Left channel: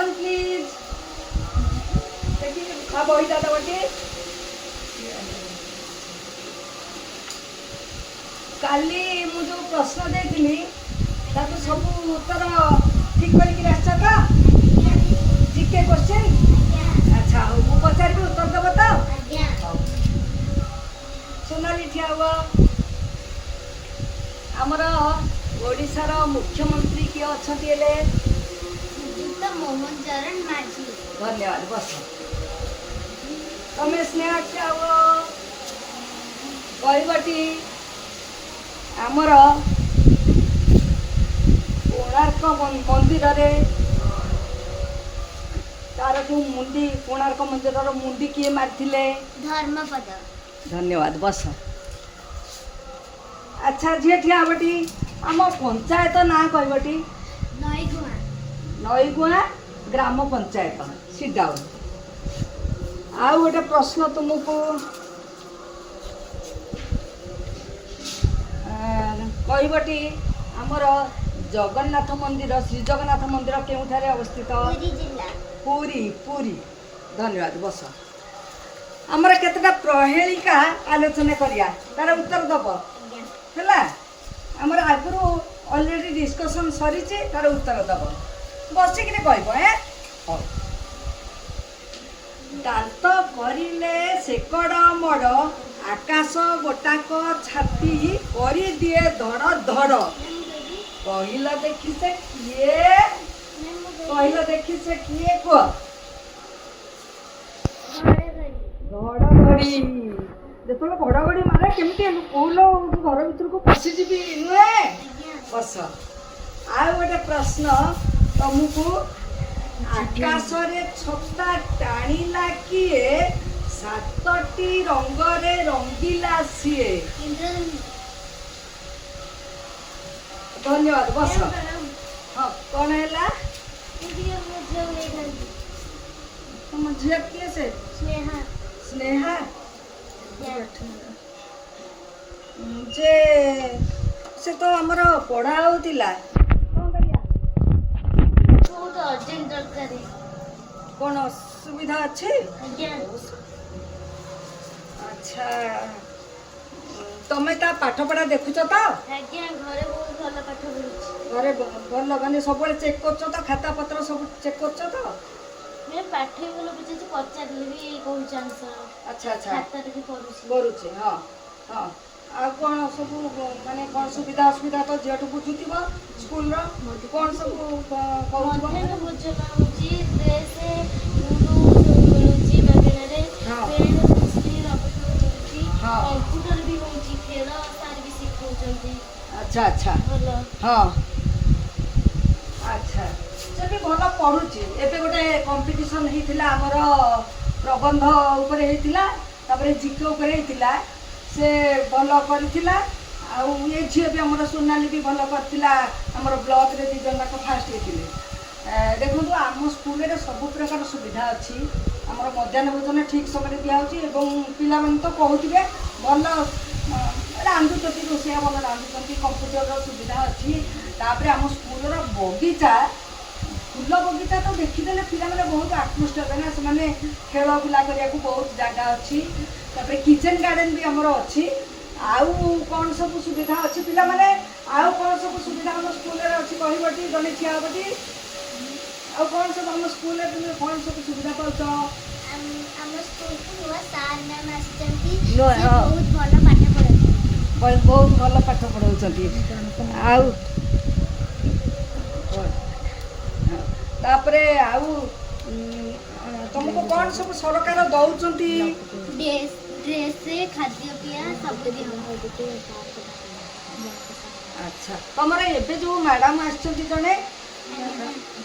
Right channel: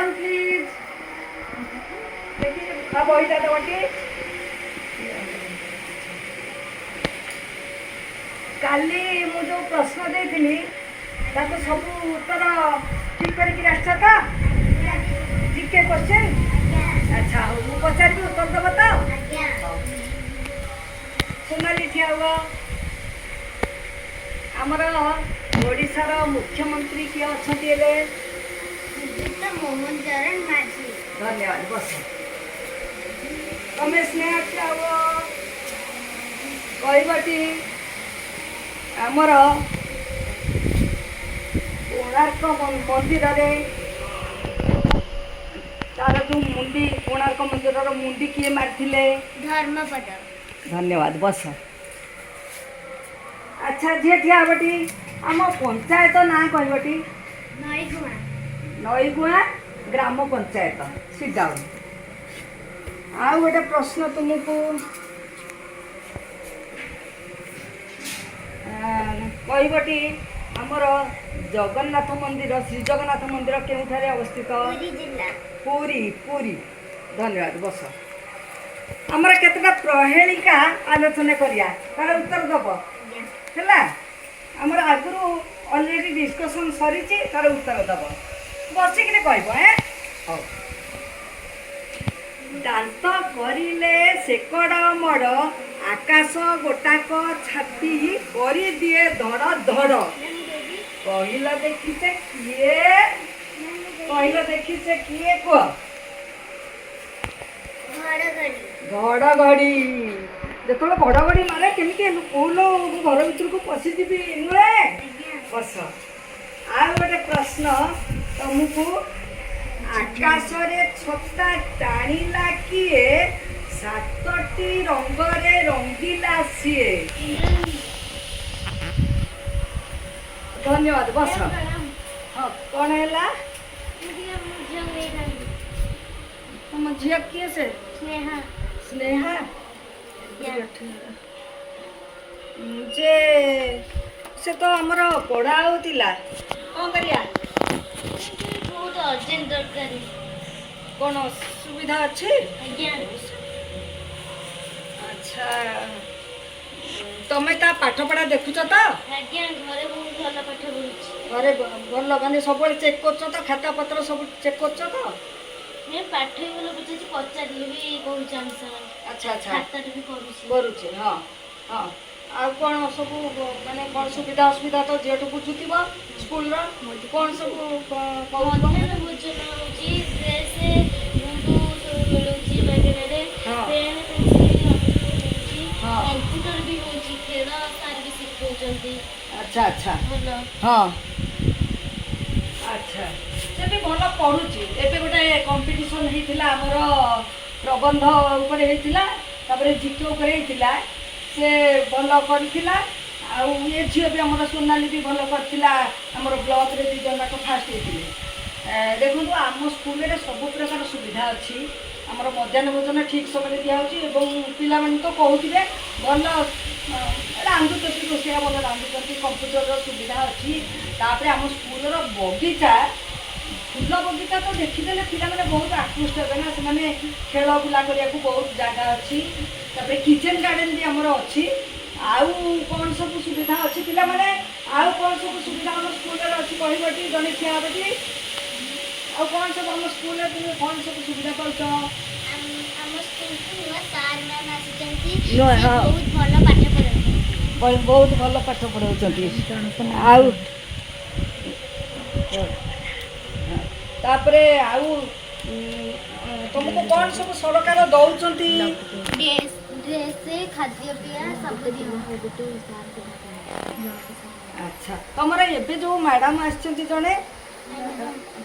Down please. देखिए अब वही दादा बटी काली मु जो प्रश्न देथिली ताको सब उत्तर ठीक करके आछा था जीके क्वेश्चन। अच्छा हो मु पचारि उत्तर देब तो सोनाली ठिया हुआ। आमर ओडिशार मुख्यमंत्री किए अच्छे मोहन चरण माझी। धन्यवाद बस तमें स्नेह ठिया हुआ कहबटी आमर कोणार्क मंदिर रे तार जो मुंडी कोणार्क मंदिर मुंडी किए मारथिले धर्मपद। धन्यवाद बस। अच्छा झील ठिया बटी आम पंचायत ना कहबटी नईगुआ। नईगुआ ग्राम पंचायत सीडाउन। आ गोटे प्रश्न तुमको कहबटी आमर जगन्नाथ मंदिर श्री जगन्नाथ मंदिर केउठारे अवस्थित पुरी जिला। पुरी पुरी। धन्यवाद बस। आमर केतटा प्रहेलिका आलोचना करिया तार उत्तर दब है आमर आगु अलरेडी डिस्कसन सरी तार उत्तर दब बसिक कह दांत करिले सेकड़ मड़ आकाश गोटाक छाती करी दिए धड़ धड़ कहल देखी से किए कहल देखी से किए कह घड़घड़ी जो घड़घड़ी मारे केमी कहल घर भर को पशिजी नुहे बस। आ गोटे प्रश्न तुमको आकाश रे छता टाणिला किए सातटी रंग रे रंगीला सीए। धन्यवाद बस। हाँ कौन है तुम झील किए से स्नेहा। स्नेहा जे से तो आमर पढ़ा होतिला कौन करिया बहुत अर्जेंट दरकार। कौन सुविधा अच्छे। आज्ञा। अच्छा तमें ता पाठ पढ़ा देखुच तो आज्ञा घरे बहुत भल पाठ पढ़ुछि। घरे भल माने सब चेक कर तो खाता पत्र सब चेक कर तो मैं पाठ ही भल बुझे पचारि भी कहूछ आंसर। अच्छा अच्छा खाता भी पढ़ुछि करुचे। हाँ हाँ आ कौन सब माने कौन सुविधा असुविधा तो जेठू बुझुथिबो स्कूल रो कौन सब मध्याह्न भोजन होछि ड्रेस मुंडू मिलुछि मागेरे हाँ। पेन पेंसिल नोटबुक मिलुछि हाँ। कंप्यूटर भी होछि खेल सार भी सिखौछंती। अच्छा अच्छा हेलो हाँ अच्छा से भी भल पढ़ुची। एबे गोटे कंपटीशन होइतिला हमर प्रबंध ऊपर होइतिला तापर जीके ऊपर होइतिला से भल करथिला। आ ये झील भी हमर सोनाली भी भल करथिला हमर ब्लॉक रे 2 जन जाक फास्ट होइतिले। देखो आम स्कूल रे सब प्रकार सुविधा अच्छी हमर मध्याह्न भोजन ठीक समय दिया होची एवं पिला मन तो कहउथिबे भल रांधुचती रोषिया भल रांधुचती कंप्यूटर सुविधा अच्छी। तापर आम स्कूल बगीचा फूल बगीचा तो देखीदे पिला माने बहुत आकृष्ट हे ना से खेल बुला करने को बहुत जगह अच्छी। तापर किचन गार्डन भी हमर अच्छी। आउ कौन सब सुविधा अच्छी पिला माने आउ कौन सब सुविधा हम स्कूल रे अच्छी कहबटी जने छिया बटी आउ कौन सब हम स्कूल रे तुम कौन सब सुविधा करछ। हम स्कूल को हुआ सार मैम आछंती नो, से हाँ। बहुत भल पाठ पढ़ाती। बहुत भल पाठ पढ़ाउछंती। आउ तापरे आउ तुमको कौन सब सरकार दौचंती ड्रेस खाद्य पेय सब दियो। अच्छा तुमरा एबे जो मैडम आछंती जने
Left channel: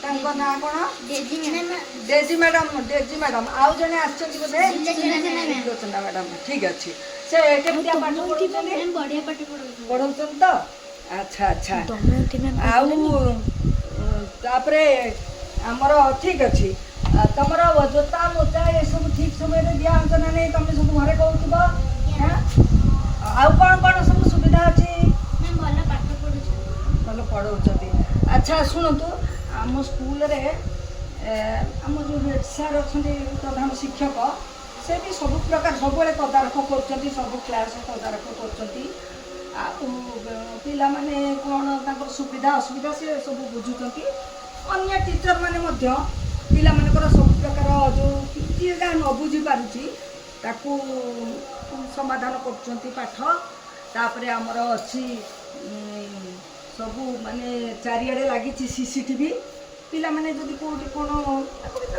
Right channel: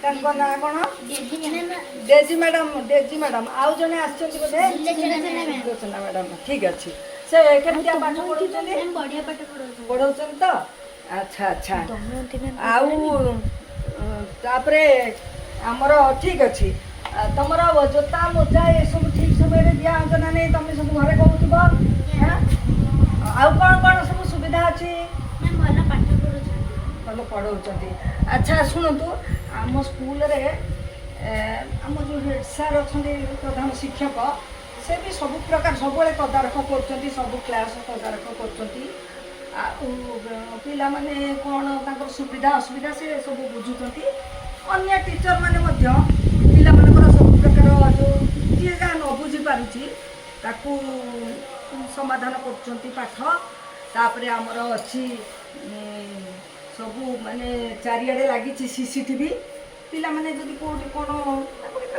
तांको ना कोन डेजी मैडम। डेजी मैडम आउ जने आछंती बोले लोचना मैडम ठीक अछि से केतिया पाठ पढौछंती मैम बढ़िया पाठ पढ़ाउछन। पढौछन तो। अच्छा अच्छा आउ तापरे हमर ठीक अछि तमर जोता मोजा ये सब ठीक समय रे दिया अंजना नै तमे सब घरे कहउथिबो। हां आउ कौन सब सुविधा अछि मैम भल पाठ पढ़ुछन। भल पढ़ौछंती। अच्छा शुणतु आम स्कूल रे ଆମ ଯେଉଁ ହେଡ୍ ସାର୍ ଅଛନ୍ତି ପ୍ରଧାନ ଶିକ୍ଷକ ସେ ବି ସବୁ ପ୍ରକାର ସବୁବେଳେ ତଦାରଖ କରୁଛନ୍ତି, ସବୁ କ୍ଲାସ୍ ତଦାରଖ କରୁଛନ୍ତି। ଆଉ ପିଲାମାନେ କ'ଣ ତାଙ୍କର ସୁବିଧା ଅସୁବିଧା ସେ ସବୁ ବୁଝୁଛନ୍ତି। ଅନ୍ୟ ଟିଚର୍ ମାନେ ମଧ୍ୟ ପିଲାମାନଙ୍କର ସବୁ ପ୍ରକାର ଯେଉଁ ଯିଏ ଯାହା ନ ବୁଝିପାରୁଛି ତାକୁ ସମାଧାନ କରୁଛନ୍ତି ପାଠ। ତାପରେ ଆମର ଅଛି ସବୁ ମାନେ ଚାରିଆଡ଼େ ଲାଗିଛି CCTV। ପିଲାମାନେ ଯଦି କେଉଁଠି କ'ଣ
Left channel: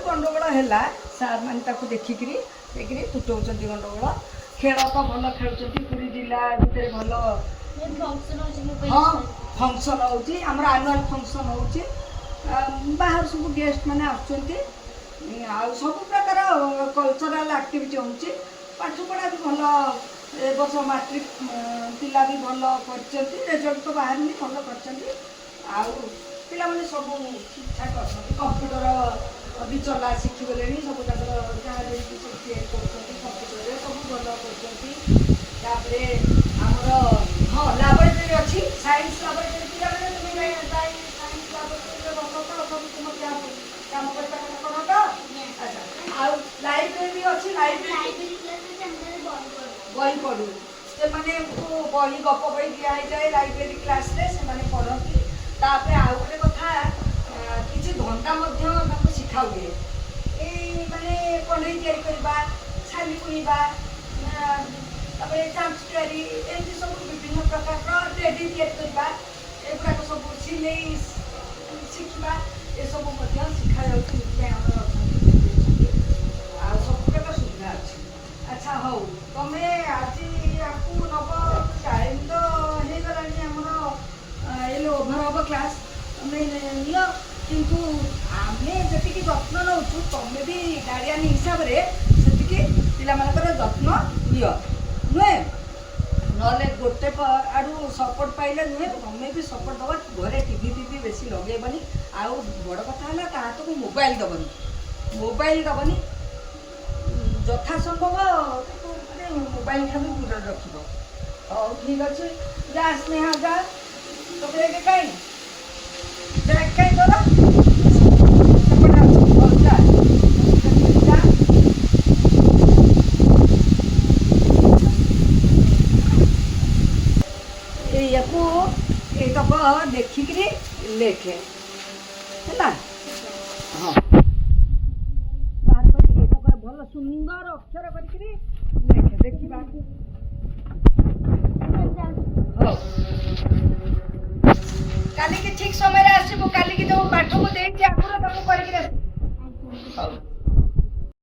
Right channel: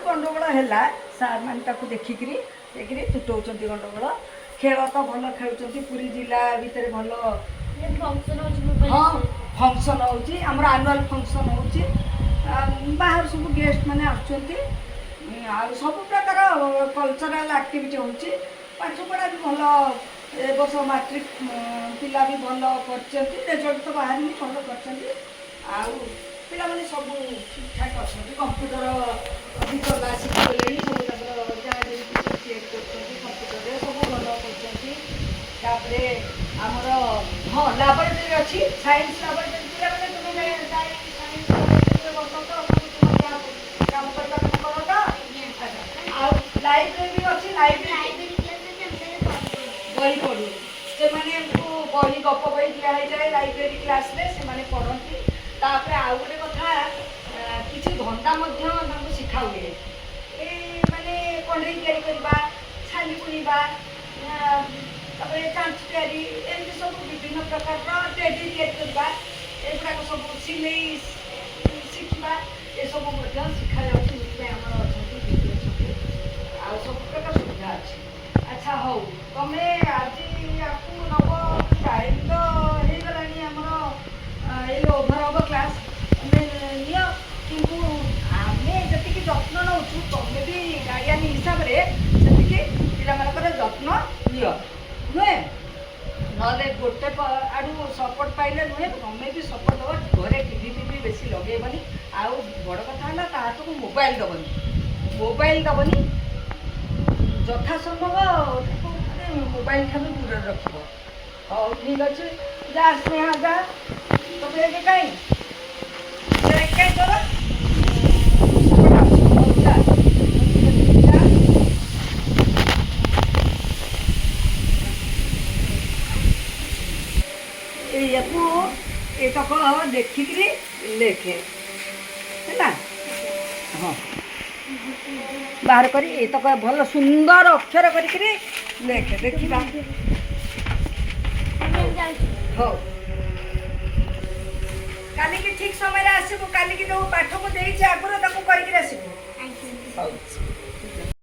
ଗଣ୍ଡଗୋଳ ହେଲା ସାର୍ ମାନେ ତାକୁ ଦେଖିକିରି ତୁଟଉଛନ୍ତି ଗଣ୍ଡଗୋଳ। ଖେଳ ତ ଭଲ ଖେଳୁଛନ୍ତି, ପୁରୀ ଜିଲ୍ଲା ଭିତରେ ଭଲ ହଁ ଫଙ୍କସନ୍ ହେଉଛି, ଆମର ଆନୁଆଲ୍ ଫଙ୍କସନ୍ ହେଉଛି, ବାହାରୁ ସବୁ ଗେଷ୍ଟ ମାନେ ଆସୁଛନ୍ତି, ଆଉ ସବୁ ପ୍ରକାର କଲଚରାଲ୍ ଆକ୍ଟିଭିଟି ହେଉଛି। ପାଠପଢ଼ା ବି ଭଲ, ଏ ବର୍ଷ ମାଟ୍ରିକ୍ ପିଲା ବି ଭଲ କରିଛନ୍ତି, ରେଜଲ୍ଟ ତ ବାହାରିନି, ଭଲ କରିଛନ୍ତି। ଆଉ ପିଲାମାନେ ସବୁ ଠିକ୍ଠାକ୍ ଅଛନ୍ତି, କମ୍ପ୍ୟୁଟର ବି ଚଲା ଶିଖିଗଲେଣି, ସବୁ ତାଙ୍କର ଯାହା ଯେମିତି ସବୁ ତିଆରି କରୁଛନ୍ତି କମ୍ପ୍ୟୁଟରରେ ସବୁ ଭଲ କରୁଛନ୍ତି। ତାପରେ ଆମର ହଁ ଲାବୋରେଟୋରୀ ଅଛି, ସାଇନ୍ସ ଲାବୋରେଟୋରୀ। ପିଲାମାନେ ତୁମେ ଯାଇ ସାଇନ୍ସ ଲାବୋରେଟୋରୀରେ ବସ ତ, ସବୁ ତୁମ କାମ କରିବା କଥା କର ତ। ଆଚ୍ଛା, ଆଉ ଲାଇବ୍ରେରୀ ଅଛି, ଲାଇବ୍ରେରୀ ବହି ପଢ଼ୁ, ସେମାନଙ୍କୁ ବହି ଗପ ବହି ଦିଆହେଇଯାଏ ଲାଇବ୍ରେରୀ କ୍ଲାସ୍ରେ, ସେମାନେ ପଢ଼ନ୍ତି। ତାପରେ ଆଉ ଗୋଟେ କଥା, କିଛି ଧନ୍ଦା ମଧ୍ୟ ତାଙ୍କୁ ଶିଖା ହୁଏ। ଏଇ ମାନେ କଣ୍ଢେଇ ତିଆରି କରିବା, ଛାଲି ବୁଣିବା, ତାପରେ ଚାଞ୍ଚ ତିଆରି, ଏମିତି ସବୁ ବିଭିନ୍ନ ପ୍ରକାରର ଟେଡି ତିଆରି କରିବା, ଏଗୁଡ଼ାକ ସବୁ ସିଲେଇ ଶିଖିବା, ଏସବୁ ମଧ୍ୟ ଶିଖାଯାଉଛି। ସେଥିପାଇଁ ଆମର ଅଛନ୍ତି, ଆଉ ସବୁ ପ୍ରକାର ସୁବିଧା ଅଛି। ଆଚ୍ଛା ହଉ, ତମେ ଆଜି ଆକୁ ନେବ, ଟାଇମ୍ ତ ହେଇଗଲାଣି ଆମର, ଏଇ ଓଭର ହବ କ୍ଲାସ୍, ତମେ ନିଅ। କିନ୍ତୁ ଆମେ ଯେତିକି ଯତ୍ନ ନେଉଛୁ ତମେ ବି ଗାର୍ଡ଼ିଆନ୍ ହିସାବରେ ସେତିକି ପିଲାମାନଙ୍କର ଯତ୍ନ ନିଅ, ନୁହେଁ? ନହେଲେ ଗୋଟେ ଆଡ଼ୁ ସପୋର୍ଟ ପାଇଲେ ନୁହେଁ, ତମେ ବି ସପୋର୍ଟ ଦେବ। ଘରେ ଟିଭି ଫିଭି ବେଶୀ ଲଗେଇବନି। ଆଉ ବଡ଼ କଥା ହେଲା ତା ହାତକୁ ମୋବାଇଲ୍ ଦେବନି, ଯଥାସମ୍ଭବ ତାକୁ ମାନେ ମୋବାଇଲ୍ ଠାରୁ ଦୂରରେ ରଖିବ। ହଉ ଠିକ୍ ଅଛି, ଯା ସ୍ନେହା ଯା, ତ ବେଗ କାଇଁ ତୋର ସେପଟେ ଅଛି, ହଉ ଯା। ଏଇଆକୁ ଏତକ ଦେଖିକିରି ଲେଖେ ହେଲା। ହଁ, ବାହାର କରି ଏତକ ଭଲ ସୁନ୍ଦର ଅକ୍ଷର କରିକିରି ଲେଖେ, ଦେଖିବା। ହଉ, କାଲିକି ଠିକ୍ ସମୟରେ ଆସିବୁ, କାଲିକି ଯେଉଁ ପାଠ ମୁଁ ଦେଇଛି ଆଗରୁ ତାକୁ କରିକିରି ଆସିବୁ। ହଉ।